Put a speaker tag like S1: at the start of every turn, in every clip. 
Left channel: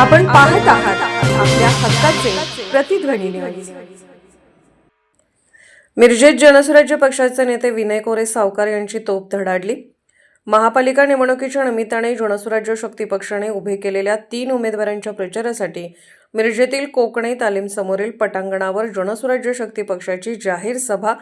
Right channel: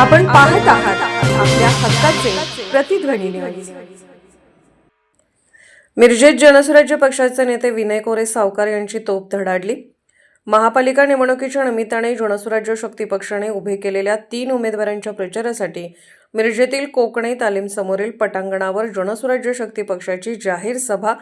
S1: आपण पाहत आहात आपल्या हक्काचे प्रतिध्वनी मिरजेत जनसुराज्य पक्षाचे नेते विनय कोरे सावकार यांची तोप धडाडली. महापालिका निवडणुकीच्या निमित्ताने जनसुराज्य शक्ती पक्षाने उभे केलेल्या तीन उमेदवारांच्या प्रचारासाठी मिरजेतील कोकणे तालीम समोरील पटांगणावर जनसुराज्य शक्ती पक्षाची जाहीर सभा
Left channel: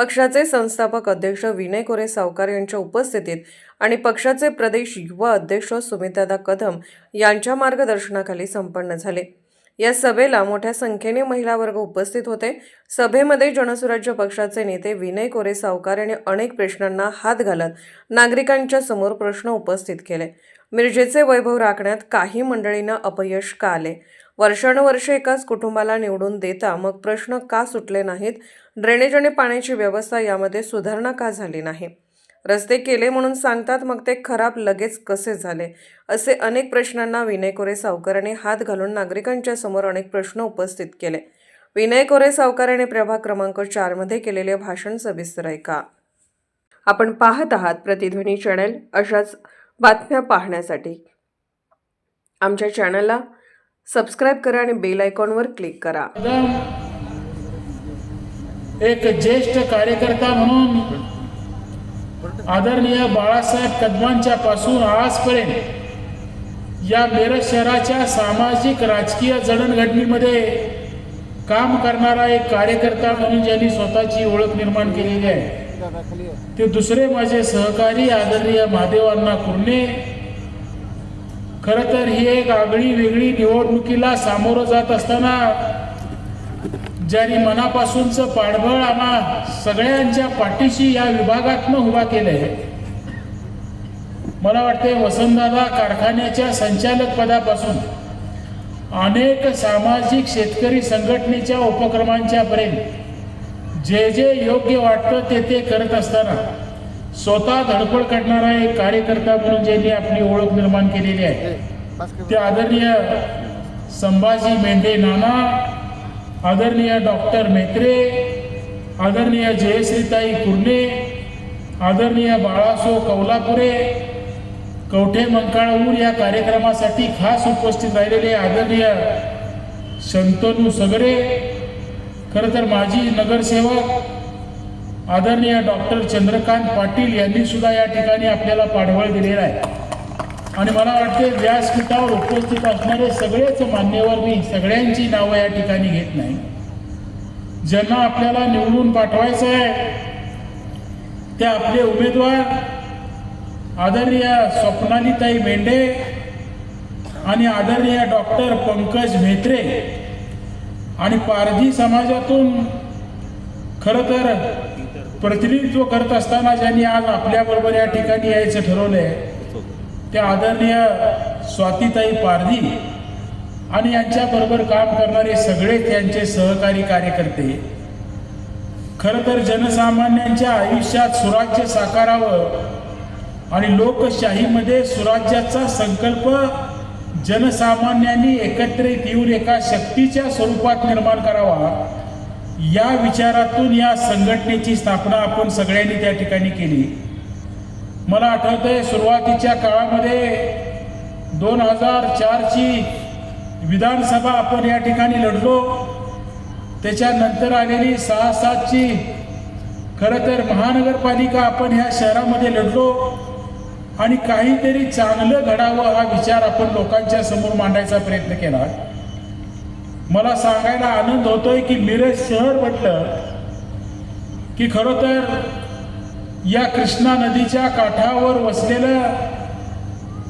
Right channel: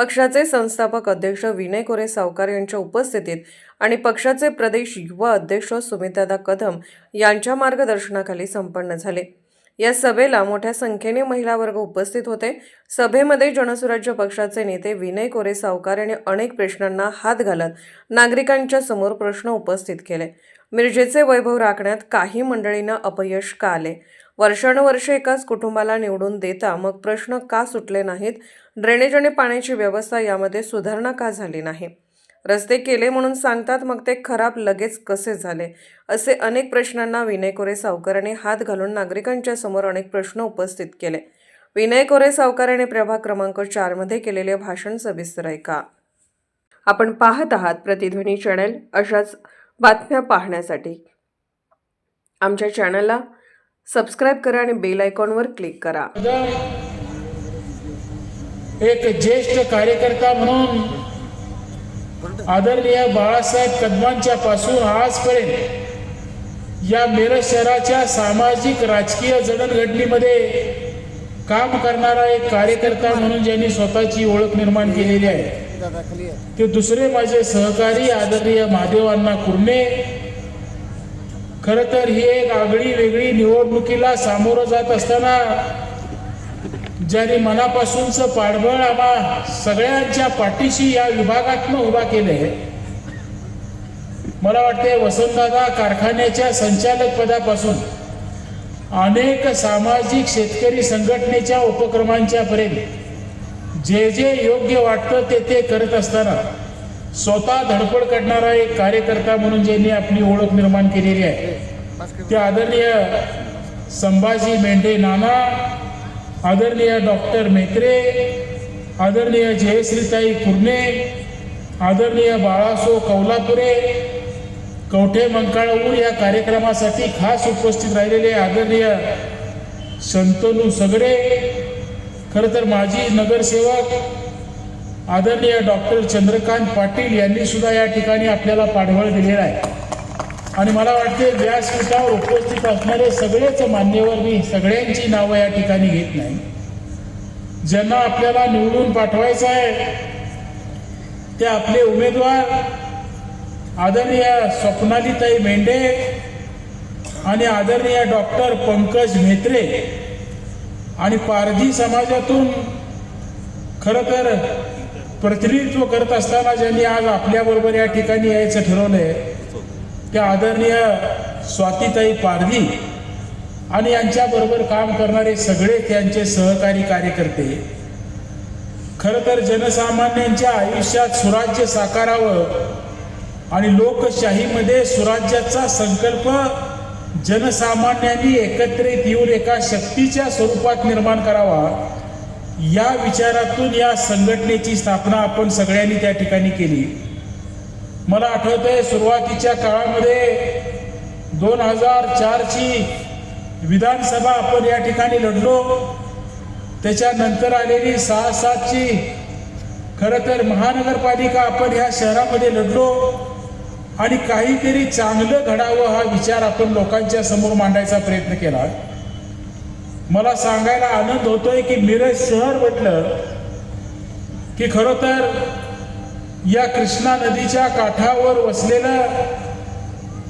S1: पक्षाचे संस्थापक अध्यक्ष विनय कोरे सावकार यांच्या उपस्थितीत आणि पक्षाचे प्रदेश युवा अध्यक्ष सुमितादा कदम यांच्या मार्गदर्शनाखाली संपन्न झाले. या सभेला मोठ्या संख्येने महिला वर्ग उपस्थित होते. सभेमध्ये जनसुराज्य पक्षाचे नेते विनय कोरे सावकार यांनी अनेक प्रश्नांना हात घालत नागरिकांच्या समोर प्रश्न उपस्थित केले. मिरजेचे वैभव राखण्यात काही मंडळींना अपयश का आले? वर्षानुवर्षे एकाच कुटुंबाला निवडून देता मग प्रश्न का सुटले नाहीत? ड्रेनेज आणि पाण्याची व्यवस्था यामध्ये सुधारणा का झाली नाही? रस्ते केले म्हणून सांगतात मग ते खराब लगेच कसे झाले? असे अनेक प्रश्नांना विनय कोरे सावकारांनी हात घालून नागरिकांच्या समोर अनेक प्रश्न उपस्थित केले. विनय कोरे सावकारांनी प्रभाग क्रमांक चारमध्ये केलेले भाषण सविस्तर ऐका. आपण पाहत आहात प्रतिध्वनी चॅनल अशाच बातम्या पाहण्यासाठी. आमच्या चॅनलला सबस्क्राईब करा आणि बेल आयकॉनवर क्लिक करा.
S2: एक ज्येष्ठ कार्यकर्ता म्हणून आदरणीय बाळासाहेब कदमांच्या पासून आजपर्यंत या मिरज शहराच्या सामाजिक राजकीय जडणघडणीमध्ये काम करणारा एक कार्यकर्ता म्हणून ज्यांनी स्वतःची ओळख निर्माण केलेली आहे ते दुसरे माझे सहकारी आदरणीय महादेवांना कुर्णे खर तर ही एक आगळी वेगळी निवडणुकीला सामोरं जात असताना ज्याने मनापासूनचं पाठबळ आम्हा सगळ्यांच्या पाठीशी या विभागातनं उभा केलंय मला वाटते वसंतदादा कारखान्याच्या संचालक पदापासून अनेक सामाजिक शेतकरी संघटनेच्या उपक्रमांच्या पर्यंत जे जे योग्य वाटतं ते ते करत असताना स्वतः धडपड करणारा एक कार्यकर्ता म्हणून ज्यांनी आपली ओळख निर्माण केलेली आहे. ते आदरणीय संभाजी मेंढे नाना आदरणीय डॉक्टर मेत्रे आदरणीय जयश्रीताई कुर्णे आदरणीय बाळासो कौलापुरे कवठे मंकाळूर या कार्यक्रमासाठी खास उपस्थित राहिलेले आदरणीय शंतनू सगरे खरं तर माजी नगरसेवक आदरणीय डॉक्टर चंद्रकांत पाटील यांनी सुद्धा या ठिकाणी आपल्याला पाठबळ दिलेला आहे. आणि मला वाटते व्यासपीठावर उपस्थित असणारे सगळेच मान्यवर मी सगळ्यांची नावं या ठिकाणी घेत नाही. ज्यांना आपल्याला निवडून पाठवायचं आहे ते आपले उमेदवार आदरणीय स्वप्नालीताई मेंढे आणि आदरणीय डॉक्टर पंकज म्हेत्रे आणि पारधी समाजातून खरं तर प्रतिनिधित्व करत असताना ज्यांनी आज आपल्याबरोबर या ठिकाणी यायचं ठरवलंय त्या आदरणीय स्वातीताई पारधी आणि यांच्याबरोबर काम करणारे सगळे त्यांचे सहकारी कार्यकर्ते. खरं तर जनसामान्यांच्या आयुष्यात सुराज्य साकारावं आणि लोकशाहीमध्ये सुराज्याचा संकल्प जनसामान्यांनी एकत्रित येऊन एका शक्तीच्या स्वरूपात निर्माण करावा. या विचारातून या संघटनेची स्थापना आपण सगळ्यांनी त्या ठिकाणी केली. मला आठवत आहे सुरुवातीच्या काळामध्ये दोन हजार चारची विधानसभा आपण या ठिकाणी लढलो. त्याच्यानंतर आलेली सहा सातची खरं तर महानगरपालिका आपण ह्या शहरामध्ये लढलो. आणि काहीतरी चांगलं घडावं हा विचार आपण लोकांच्या समोर मांडायचा प्रयत्न केला. मला सांगायला आनंद होतोय की मिरज शहर म्हटलं की खरं तर या कृष्णा नदीच्या काठावर वसलेलं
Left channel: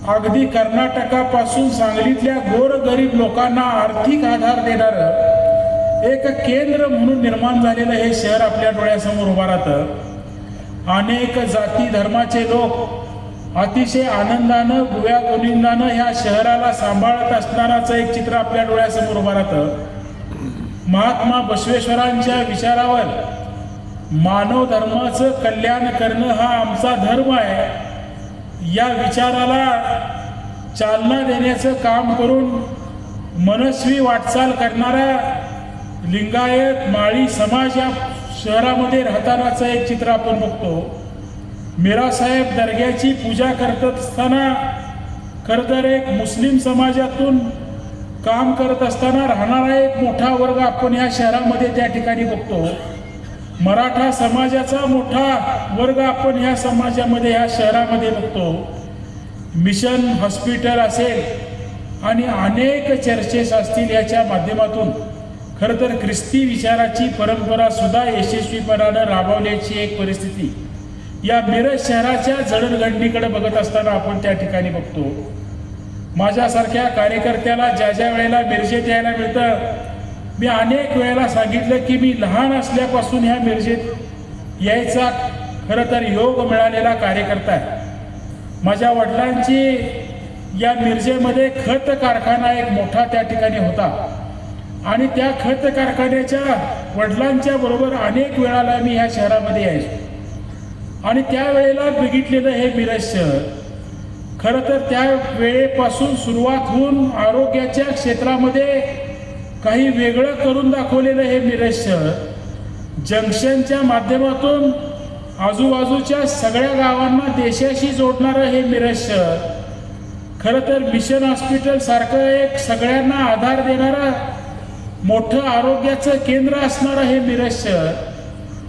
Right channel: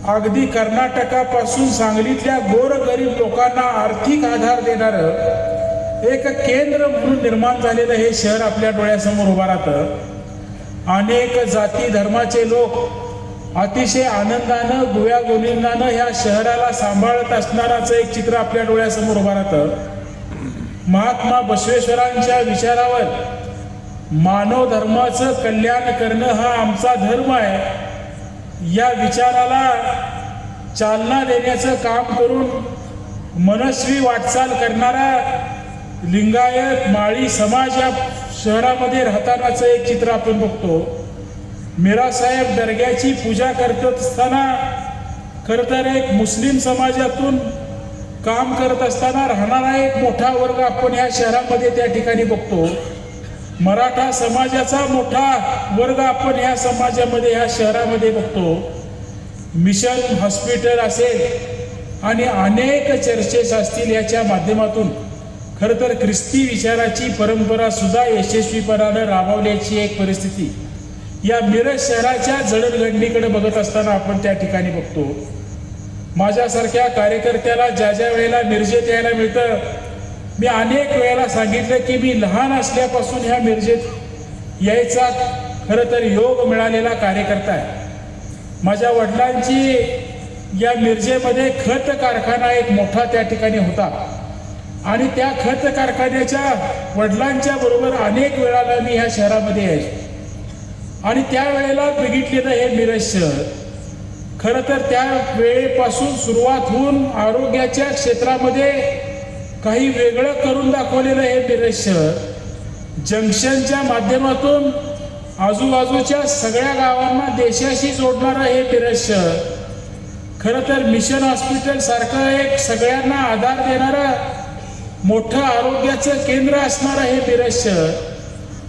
S2: अगदी कर्नाटकापासून सांगलीतल्या गोरगरीब लोकांना आर्थिक आधार देणारं एक केंद्र म्हणून निर्माण झालेलं हे शहर आपल्या डोळ्यासमोर उभं राहतं. अनेक जाती धर्माचे लोक अतिशय आनंदानं गुव्या गोविंदानं ह्या शहराला सांभाळत असणाराचं एक चित्र आपल्या डोळ्यासमोर उभं राहतं. महात्मा बसवेश्वरांच्या विचारावर मानव धर्माचं कल्याण करणं हा आमचा धर्म आहे. या विचाराला चालना देण्याचं काम करून मनस्वी वाटचाल करणारा लिंगायत माळी समाज या शहरामध्ये राहतानाचं एक चित्र आपण बघतो. मीरासाहेब दर्ग्याची पूजा करत असताना खरं तर एक मुस्लिम समाजातून काम करत असताना राहणारा एक मोठा वर्ग आपण ह्या शहरामध्ये त्या ठिकाणी बघतो. मराठा समाजाचा मोठा वर्ग आपण ह्या समाजामध्ये ह्या शहरामध्ये बघतो. मिशन हॉस्पिटल असेल आणि अनेक चर्चेस असतील याच्या माध्यमातून. खरं तर ख्रिस्ती विचाराची परंपरा सुद्धा यशस्वीपणानं राबवल्याची एक परिस्थिती. या मिरज शहराच्या जडणघडणीकडे बघत असताना आपण त्या ठिकाणी बघतो. माझ्यासारख्या कार्यकर्त्याला ज्या ज्या वेळेला मिरजेत यायला मिळतं मी अनेक वेळेला सांगितलं की मी लहान असल्यापासून ह्या मिरजेत यायचा खरं तर योग मिळालेला कार्यकर्ता आहे. माझ्या वडिलांची या मिरजेमध्ये खत कारखाना एक मोठा त्या ठिकाणी होता. आणि त्या खत कारखान्याच्या वडिलांच्या बरोबर अनेक वेळाला मी या शहरामध्ये यायचो. आणि त्यावेळेला बघितलेलं हे मिरज शहर खरं तर त्या वेळेपासून सुरुवात होऊन आरोग्याच्या क्षेत्रामध्ये काही वेगळं करून दाखवलेलं हे मिरज शहर जंक्शनच्या माध्यमातून आजूबाजूच्या सगळ्या गावांना देशाशी जोडणारं हे मिरज शहर खरं तर मिशन हॉस्पिटल सारखं एक सगळ्यांना आधार देणारं मोठं आरोग्याचं केंद्र असणारं हे मिरज शहर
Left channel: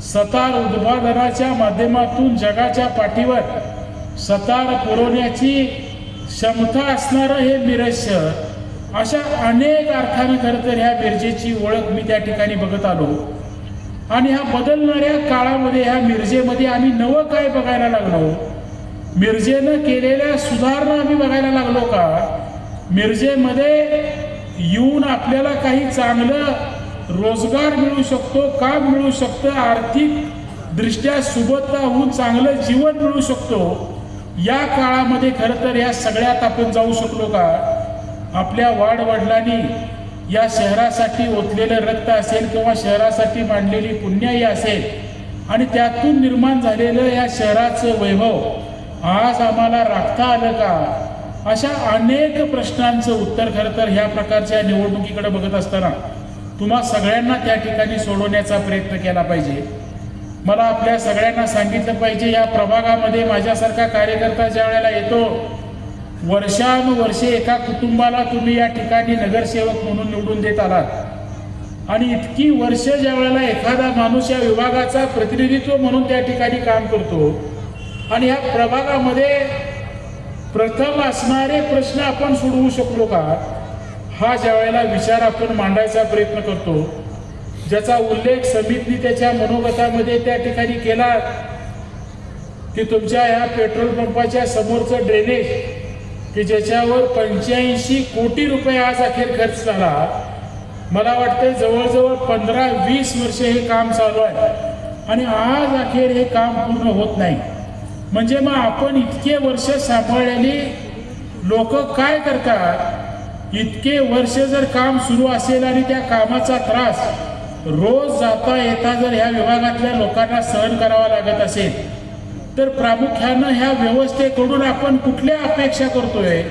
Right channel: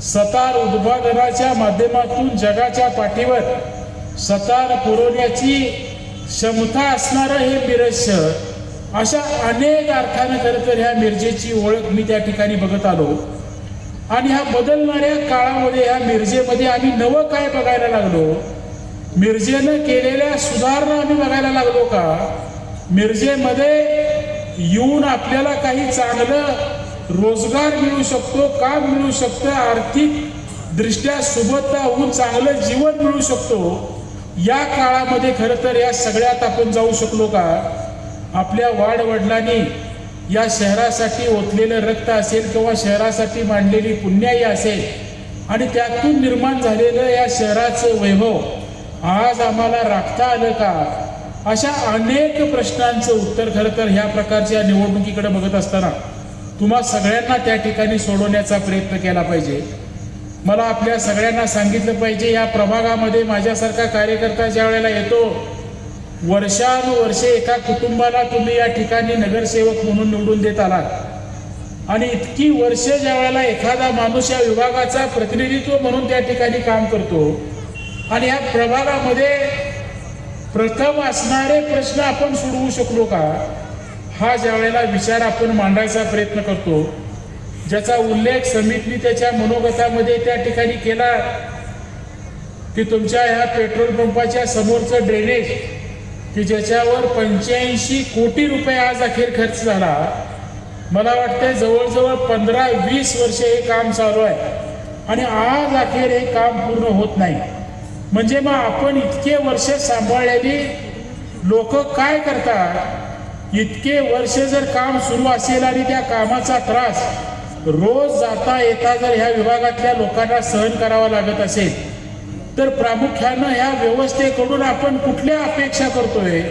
S2: सतार उद्भागराच्या माध्यमातून जगाच्या पाठीवर सतार पुरवण्याची क्षमता असणारं हे मिरज शहर अशा अनेक अर्थानं खरं तर ह्या मिरजेची ओळख मी त्या ठिकाणी बघत आलो. आणि ह्या बदलणाऱ्या काळामध्ये ह्या मिरजेमध्ये आम्ही नवं काय बघायला लागलो? मिरजेनं केलेल्या सुधारणा आम्ही बघायला लागलो का? मिरजेमध्ये येऊन आपल्याला काही चांगलं रोजगार मिळू शकतो काम मिळू शकतं आर्थिक दृष्ट्या सुबत्ता होऊन चांगलं जीवन मिळू शकतो. या काळामध्ये खरं तर या सगळ्यात आपण जाऊ शकलो का? आपल्या वाडवडिलांनी या शहरासाठी ओतलेलं रक्त असेल किंवा शहरासाठी मांडलेली पुण्याई असेल आणि त्यातून निर्माण झालेलं या शहराचं वैभव आज आम्हाला राखता आलं का? अशा अनेक प्रश्नांचं उत्तर खरं तर ह्या प्रकारच्या निवडणुकीकडे बघत असताना तुम्हा सगळ्यांना त्या ठिकाणी सोडवण्याचा प्रयत्न केला पाहिजे. मला आपल्या सगळ्यांना सांगितलं पाहिजे या प्रभागामध्ये माझ्यासारखा कार्यकर्ता ज्या वेळेला येतो वर्षानुवर्षे एका कुटुंबाला तुम्ही या ठिकाणी नगरसेवक म्हणून निवडून देत आलात. आणि इतकी वर्ष ज्या वेळेला एखादा माणूस या विभागाचा प्रतिनिधित्व म्हणून त्या ठिकाणी काम करतो आणि ह्या प्रभागामध्ये प्रथम असणारे प्रश्न आपण सोडवू शकलो का? हा ज्या वेळेला विचार आपण मांडायचा प्रयत्न करतो ज्याचा उल्लेख समितीने त्याच्या मनोगतामध्ये त्या ठिकाणी केला की तुमच्या ह्या पेट्रोल पंपाच्या समोरचं ड्रेनेज की ज्याच्यावर पंच्याऐंशी कोटी रुपये आज अखेर खर्च झाला मला वाटतं जवळजवळ पंधरा वीस वर्षे हे काम चालू आहे. आणि आज अखेर हे काम पूर्ण होत नाही. म्हणजे मग आपण इतके वर्ष सांभाळलेली लोक काय करतात? इतके वर्ष जर काम सुरू असेल आणि त्या कामाचा त्रास रोज जाता येता जर ह्या विभागातल्या लोकांना सहन करावा लागत असेल तर प्रामुख्यानं ह्या व्यवस्थेकडून आपण कुठल्या अपेक्षा करतोय?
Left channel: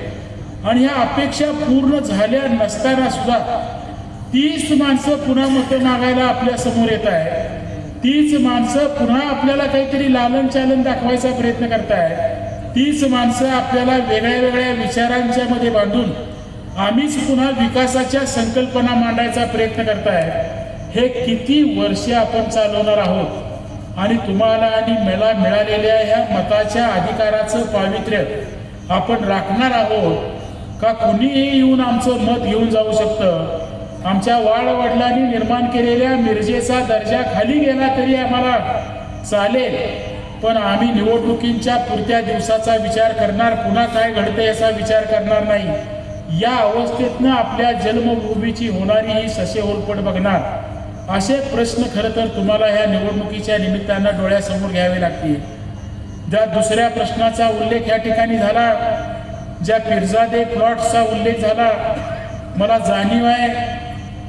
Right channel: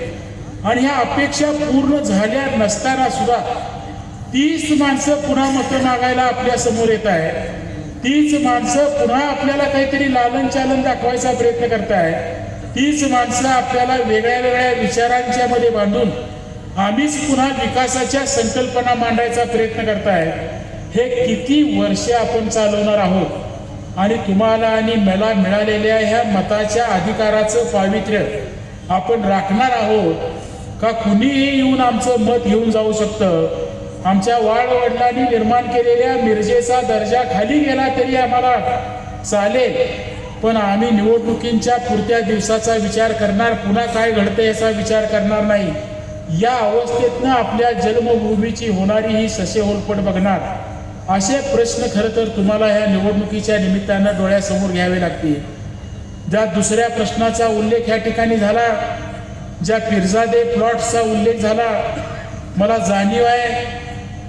S2: आणि ह्या अपेक्षा पूर्ण झाल्या नसताना सुद्धा तीच माणसं पुन्हा मतं मागायला आपल्यासमोर येत आहे. तीच माणसं पुन्हा आपल्याला काहीतरी लालन चालन दाखवायचा प्रयत्न करताय. तीच माणसं आपल्याला वेगळ्या वेगळ्या विचारांच्या मध्ये बांधून आम्हीच पुन्हा विकासाच्या संकल्पना मांडायचा प्रयत्न करताय. हे किती वर्षे आपण चालवणार आहोत? आणि तुम्हाला आणि मला मिळालेल्या ह्या मताच्या अधिकाराचं पावित्र्य आपण राखणार आहोत? का कुणीही येऊन आमचं मत घेऊन जाऊ शकतं? आमच्या वाडवडिलांनी निर्माण केलेल्या मिरजेचा दर्जा खाली गेला तरी आम्हाला चालेल. पण आम्ही निवडणुकींच्या पुरत्या दिवसाचा विचार करणार पुन्हा काय घडते याचा विचार करणार नाही. या अवस्थेतनं आपल्या जन्मभूमीची होणारी ही ससे होरपट बघणार असे प्रश्न खरं तर तुम्हाला ह्या निवडणुकीच्या निमित्तानं डोळ्यासमोर घ्यावे लागतील. ज्या दुसऱ्या प्रश्नाचा उल्लेख या ठिकाणी झाला ज्या पिरजादे प्लॉट्सचा उल्लेख झाला मला जाणीव आहे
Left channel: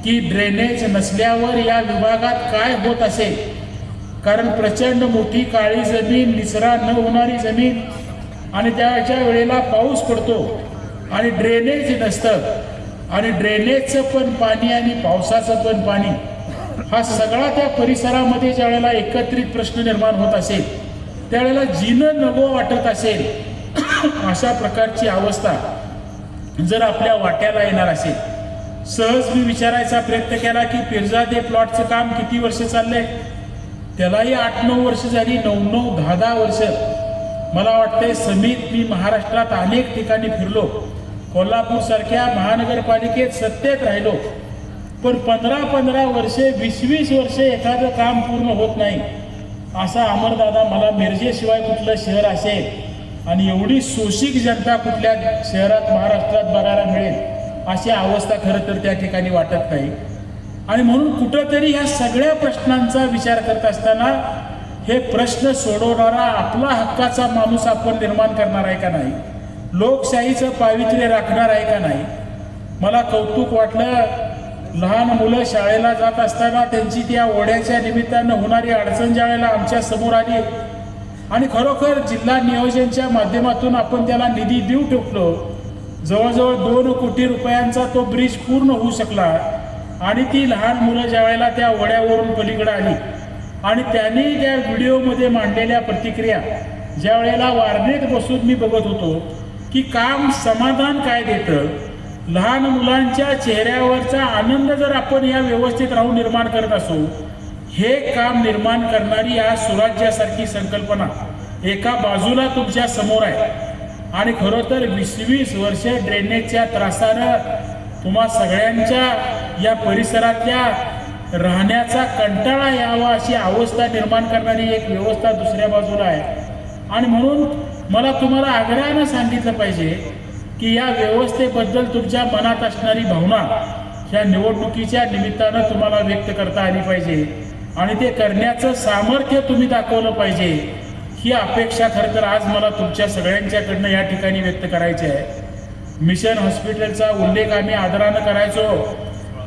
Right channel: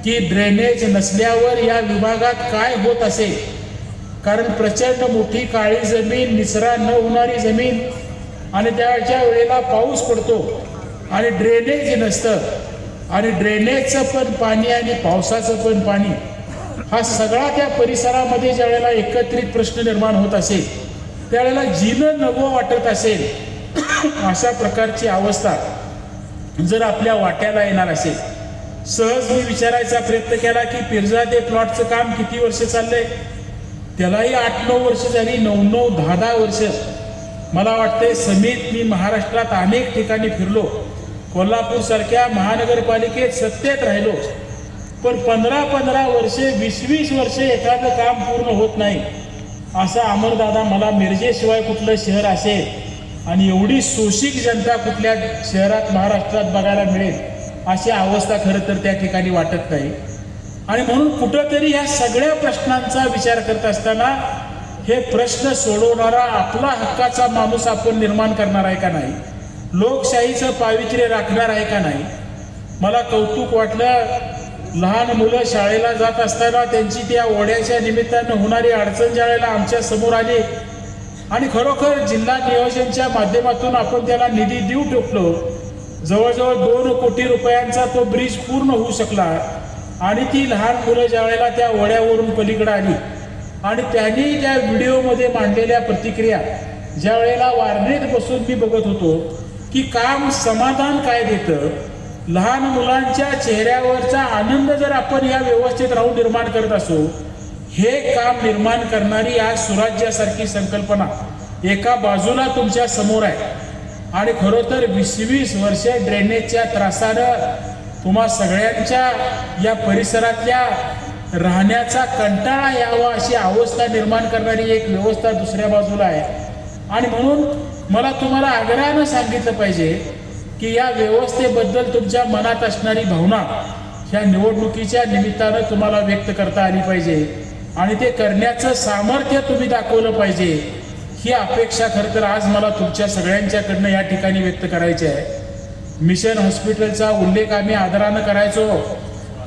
S2: की ड्रेनेज नसल्यावर या विभागात काय होत असेल? कारण प्रचंड मोठी काळी जमीन निचरा न होणारी जमीन आणि त्याच्या वेळेला पाऊस पडतो. आणि ड्रेनेज नसतं. आणि ड्रेनेजचं पण पाणी आणि पावसाचं पण पाणी हा सगळा त्या परिसरामध्ये ज्या वेळेला एकत्रित प्रश्न निर्माण होत असेल त्यावेळेला जिनं नवं वाटत असेल अशा प्रकारची अवस्था जर आपल्या वाट्याला येणार असेल. सहज मी विचारायचा प्रयत्न केला की पिरजादे प्लॉटचं काम किती वर्ष चाललंय? त्यालाही आठ नऊ वर्ष झाली नऊ नऊ दहा दहा वर्ष. मला वाटते समित मी महाराष्ट्रात अनेक ठिकाणी फिरलो. कोल्हापूर सारख्या महानगरपालिकेत सत्तेत राहिलो. पण पंधरा पंधरा वर्षे वीस वीस वर्षे एखादं काम पूर्ण होत नाही. असा अमरदादा मला मिरजेशिवाय कुठलं शहर असेल आणि एवढी शोषिक जनता कुठल्या शहरात महाराष्ट्रात बघायला मिळेल अशी अवस्था खरं तर त्या ठिकाणी वाटत नाही. आणि म्हणून कुठंतरी या सगळ्या प्रश्नांचा विचार करत असताना हे प्रश्न सोडवणारा आपला हक्काचा माणूस आपण निर्माण करणार आहे का नाही? लोकशाहीचं पावित्र्य राखणार आहे का नाही? मला कौतुक वाटलं लहान मुलं शाळेला जात असताना त्यांची त्या ओढ्याच्या निमित्तानं होणारी अडचण ज्या वेळेला आमच्यासमोर आली आणि खरोखर जिल्हा नियोजनच्या माध्यमातून आपण त्याला निधी देऊ ठोकलो जवळजवळ दोन कोटी रुपयांचा तो ब्रिज पूर्ण होऊ शकला आणि ती लहान मुलं ज्यावेळेला त्या ओढ्यावरून पलीकडे आली आणि त्यांनी त्या व्हिडिओमध्ये मांडलेल्या प्रतिक्रिया ज्या वेळेला बसून मी बघत होतो की काम समाधान काय देतं लहान मुलांच्या चेहऱ्यावरचा आनंद जर आपण या व्यवस्थित राहून निर्माण करत असू हे काम निर्माण करणारी आज सुराज्यासारखी संकल्पना एका बाजूला तुमच्यासमोर आहे. आणि खरं तर वीस वीस वर्ष ड्रेनेजच्या त्रासानं तुम्हा सगळ्यांच्या या परिसरातल्या राहण्याचा कंटाळा यावा अशी अवस्था निर्माण करणारी एक व्यवस्था दुसऱ्या बाजूला आहे. आणि म्हणून मला तुम्हाला आग्रहानं सांगितलं पाहिजे की या व्यवस्थेबद्दल तुमच्या मनात असणारी भावना ह्या निवडणुकीच्या निमित्तानं तुम्हाला व्यक्त करता आली पाहिजे. आणि ते करण्याचं सामर्थ्य तुम्ही दाखवलं पाहिजे. ही अपेक्षा खरं तर आज मला तुमच्या सगळ्यांच्याकडनं या ठिकाणी व्यक्त करायची आहे. मिशन हॉस्पिटलचा उल्लेख आम्ही आदरानं करायचो.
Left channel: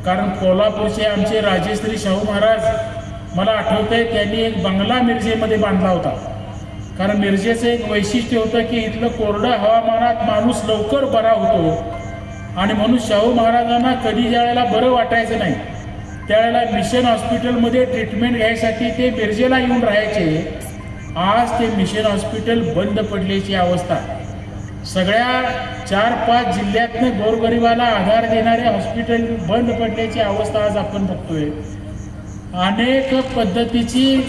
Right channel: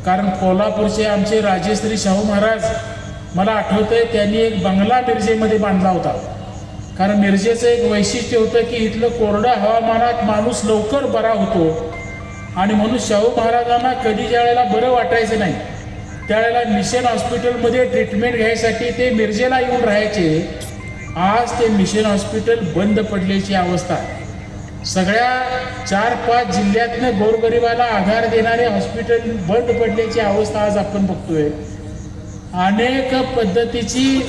S2: कारण कोल्हापूरचे आमचे राजेश्री शाहू महाराज मला आठवतंय त्यांनी एक बंगला मिरजेमध्ये बांधला होता. कारण मिरजेचं एक वैशिष्ट्य होतं की इथलं कोरडं हवामानात माणूस लवकर बरा होतो. आणि म्हणून शाहू महाराजांना कधी ज्या वेळेला बरं वाटायचं नाही त्यावेळेला मिशन हॉस्पिटलमध्ये ट्रीटमेंट घ्यायसाठी ते मिरजेला येऊन राहायचे. आज ते मिशन हॉस्पिटल बंद पडल्याची अवस्था. सगळ्या चार पाच जिल्ह्यातनं गोरगरिबाला आधार देणारे हॉस्पिटल बंद पडल्याची अवस्था आज आपण बघतोय. अनेक पद्धतीची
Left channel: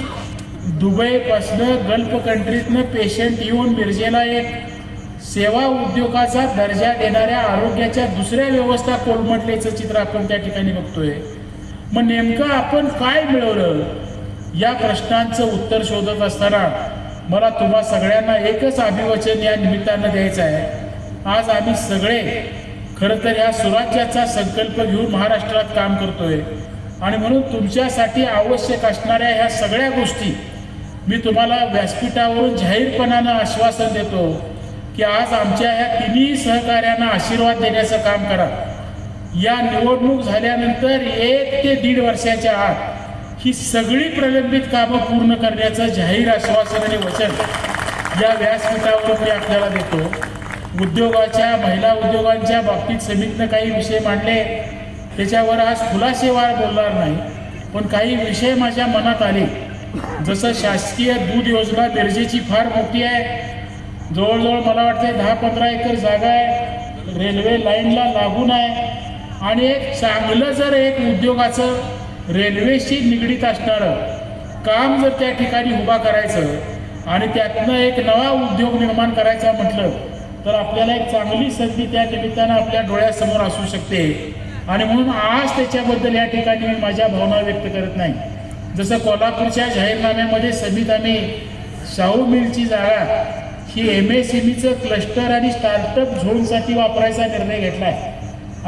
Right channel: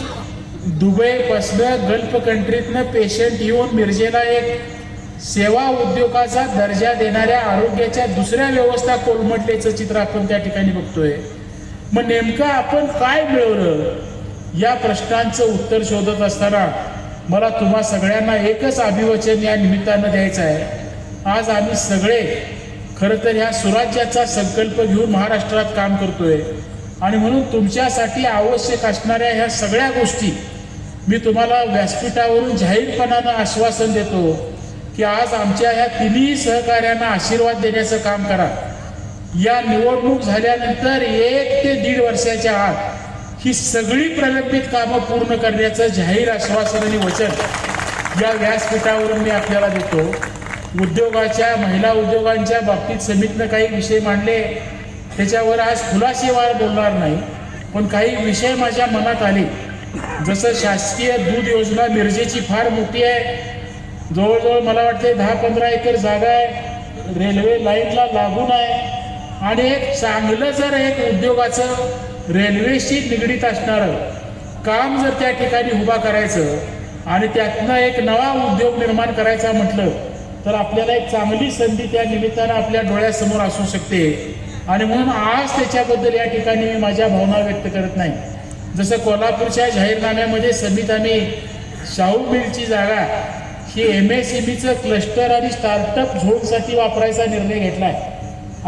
S2: दुबईपासनं गल्फ कंट्रीतनं पेशंट येऊन मिरजेला एक सेवा उद्योगाचा दर्जा देणाऱ्या आरोग्याच्या दुसऱ्या व्यवस्था कोलमटल्याचं चित्र आपण त्या ठिकाणी बघतोय. मग नेमकं आपण काय मिळवलं? या प्रश्नांचं उत्तर शोधत असताना मला तुम्हा सगळ्यांना एकच अभिवचन या निमित्तानं द्यायचं आहे. आज आम्ही सगळे खरं तर ह्या स्वराज्याचा संकल्प घेऊन महाराष्ट्रात काम करतोय. आणि म्हणून तुमच्यासाठी आवश्यक असणाऱ्या ह्या सगळ्या गोष्टी मी तुम्हाला व्यासपीठावरून जाहीरपणानं आश्वासन देतो की आज आमच्या ह्या तिन्ही सहकाऱ्यांना आशीर्वाद देण्याचं काम करा. या निवडणूक झाल्यानंतर एक ते दीड वर्षाच्या आत ही सगळी प्रलंबित कामं पूर्ण करण्याचं जाहीर आश्वासन आणि वचन या व्यासपीठावरून मी आपल्याला देतो. उद्योगाच्या महिला उद्योगांच्या बाबतीत समितीनं काही विषय मांडले. त्याच्यावर आज खुलासेवार बोलणार नाही. पण काही विषय माझ्या मनात आले. जसं शासकीय दूध योजना मिरजेची फार मोठी आहे. जवळजवळ मला वाटते दहा पंधरा एकर जागा आहे. रेल्वे लाईनला लागून आहे. आणि एक चांगलं जर एक उद्योगाचं रेल्वेशी निगडीत असणारं काम जर त्या ठिकाणी उभा करायचं आणि त्यातनं एक नवा उद्योग निर्माण करायचा म्हटलं तर आपल्याला एक चांगली संधी त्या निमित्तानं आपल्या डोळ्यासमोर असू शकते. आणि म्हणून आज त्याच्याबद्दल या ठिकाणी मी माझ्या भावना व्यक्त करत नाही. जसं कोल्हापूरच्या जाहीरनाम्यामध्ये समित शाहू मिलची जागा ही एम एस सी बीचं क्लस्टर आणि स्टार्टअप झोनसाठी वापरायचा निर्णय घेतला आहे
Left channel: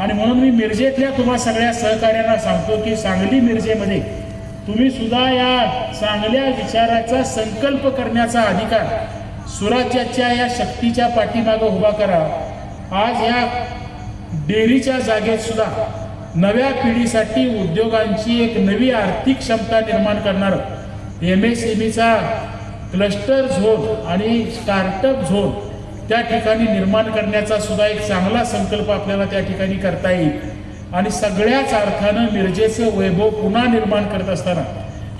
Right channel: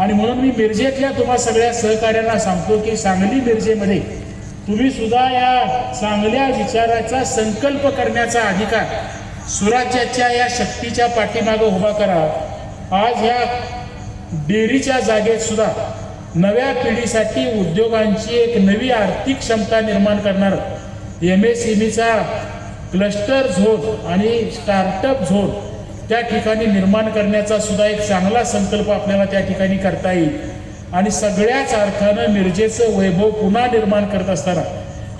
S2: आणि म्हणून मी मिरजेतल्या तुम्हा सगळ्या सहकार्यांना सांगतो की सांगली मिरजेमध्ये तुम्ही सुद्धा या चांगल्या विचाराचा संकल्प करण्याचा अधिकार सुराज्याच्या या शक्तीच्या पाठीमागं उभा करा. आज या डेअरीच्या जागेत सुद्धा नव्या पिढीसाठी उद्योगांची एक नवी आर्थिक क्षमता निर्माण करणार एम एस चा क्लस्टर झोन आणि स्टार्टअप झोन त्या ठिकाणी निर्माण करण्याचा सुद्धा एक चांगला संकल्प आपल्याला त्या ठिकाणी करता येईल. आणि सगळ्याच अर्थानं मिरजेचं वैभव पुन्हा निर्माण करत असताना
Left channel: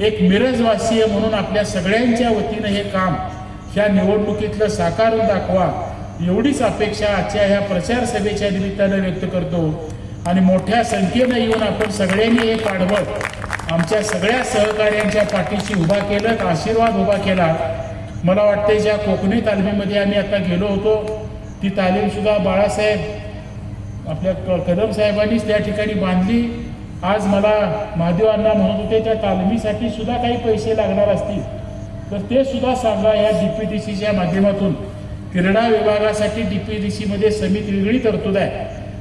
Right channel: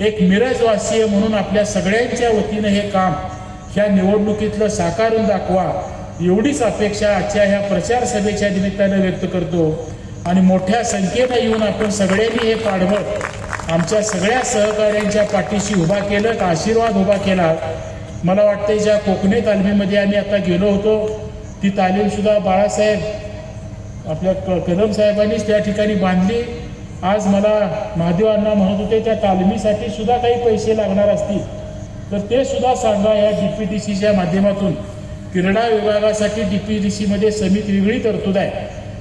S2: एक मिरजवासीय म्हणून आपल्या सगळ्यांच्या वतीनं हे काम ह्या निवडणुकीतलं साकारून दाखवा एवढीच अपेक्षा आजच्या ह्या प्रचार सभेच्या निमित्तानं व्यक्त करतो. आणि मोठ्या संख्येनं येऊन आपण सगळ्यांनी हे पाठबळ आमच्या सगळ्या सहकाऱ्यांच्या पाठीशी उभा केलं आशीर्वाद उभा केला. मला वाटतं ज्या कोकणी तालमीमध्ये आम्ही आता गेलो होतो ती तालीमसुद्धा बाळासाहेब आपल्या क- कदम साहेबांनीच त्या ठिकाणी बांधली. आज मला महादेव अण्णा म्हणत होते त्या तालमीसाठी सुद्धा काही पैसे लागणार असतील. तर ते सुद्धा सांगा या डी पी डी सीच्या माध्यमातून. क्रीडा विभागासाठी डी पी डी सीमध्ये समिती वेगळी तरतूद आहे.